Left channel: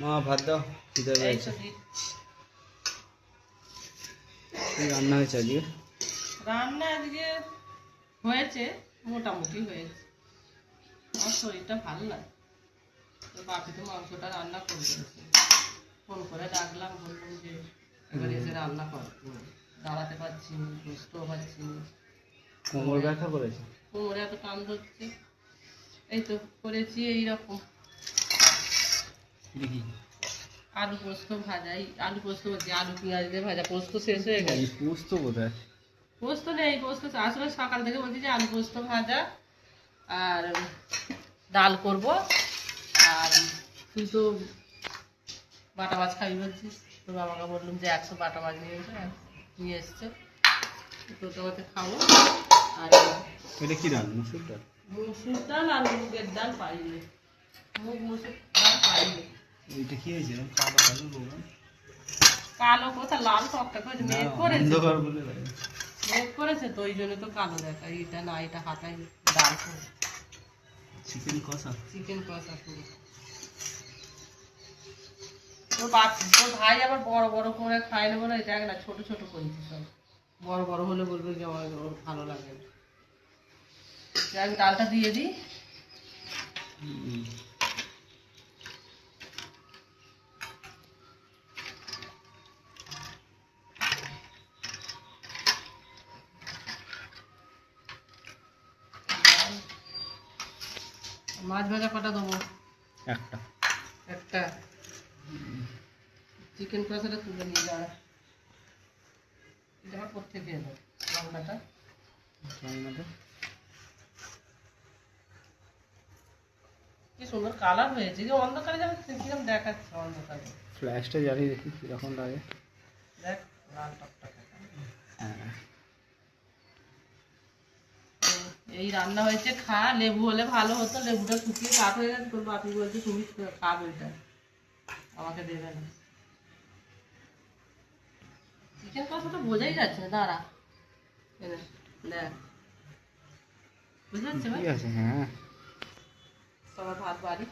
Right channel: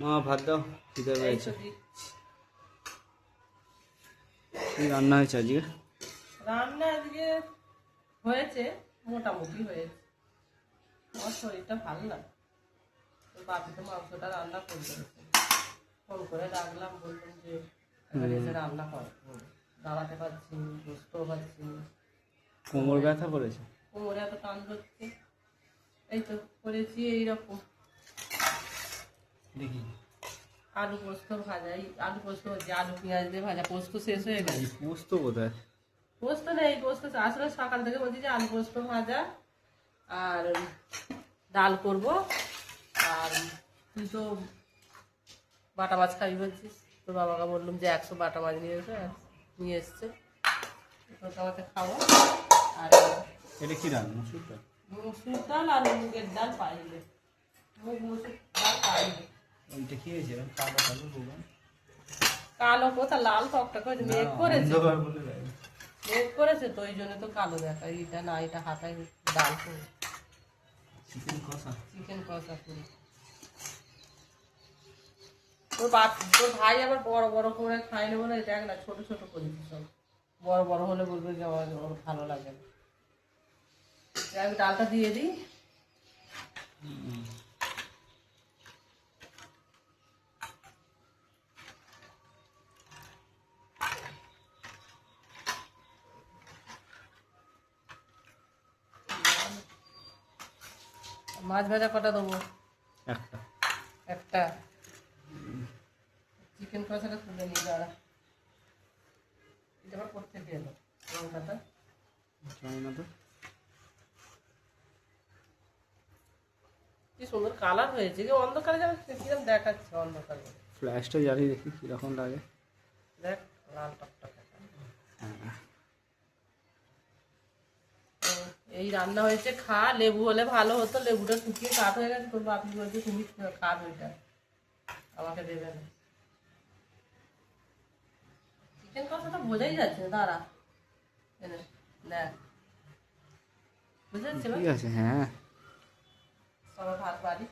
মা ভাত দাও, খিদে এই পেয়েছে। তো দিচ্ছি। কি রান্না হয়েছে আজকে? রান্না আজকে হয়েছে, মোটামুটি হয়েছে। আমার শরীরটা ভালো লাগে, তো বাপি তো মাংসটা রান্না করে দিয়েছে। ফোন করে ডাকলাম, বললাম যে এবার এসে রান্না কর। দাঁড়াতে পারছি না, বুঝতেও পারছি না। কোমর ব্যথা করেছে? কোমরে এত কান ধরছে। এই তো করেছি এইরকম দেখি আলু পোস্ত ভাজা। এই আলু পোস্ত বলছি, আলু পেঁয়াজ দিয়ে ভাজা। পোস্ত শেষ হয়ে এই গেছে। পোস্ত কোথায়? পোস্ত নেই, পোস্ত আসলে সকাল থেকে বলছি যে আলু পোস্ত ভাজা আর ডাল করব। আর তুই তো বাটা মাছ খাবি বলছিস, তো বাবাকে বললাম যে 100 বাটা মাছ নিয়ে এসো, নিয়ে এসছে। তো তোমাকে খাবো। আর এটা কি রান্না? মুসুর ডাল? মুসুর ডাল আর মুগের ডাল পাইনি, মুগ মুসুর ডাল পাইনি। ওইটা কি হয়েছে কালো কালো বললাম? কালো কোথা, লাল টকটা করে মেঘ করেছে। অন্ধকার বলে লাগে। মেঘ করেছে তো ওই জন্য তো কালো দেখা। এটা না, এটা হাতায় ডাল করে চিকেন কষা? চিকেন কষা করে। তোর ভাই আবার বড় বড় করে খায় না বলে এটা না, ছোট ছোট করেছি সব। বড় বড় হলে বলবে যে আমার ওর ভালো লাগে না। আমি ডালটা দিয়ে দিই। মাছ ভাজা কটা দেবো? একটা। একটা। চিকেন কষাটা তুলে নিয়ে যাওয়া। এটা আবার কোত্থেকে এলো লঙ্কাটা? জানি না তো। কি সুন্দর কালার হয়েছে, কি অন্ধকারে যেন কিরকম দেখাচ্ছে অন্ধকারে। ফ্ল্যাশটা জ্বালিয়ে দেখি কিরকম লাগে। দেখ লাল টকটকে। হ্যাঁ। এই রান্না হয়েছে, খা। লেবু হলে ভালো হতো, লেবুটা শুকিয়ে কাঠ হয়ে গেছে। তোর বাপি বলছে তুমি খাবে ওইটা, আমাকে দেবে না। চিকেন কষা তো বোঝাই যাচ্ছে না, দাঁড়া এনে দেখ, বুঝতে পারছি। ঠিক আছে, হ্যাঁ। সবার ভাত বাড়ি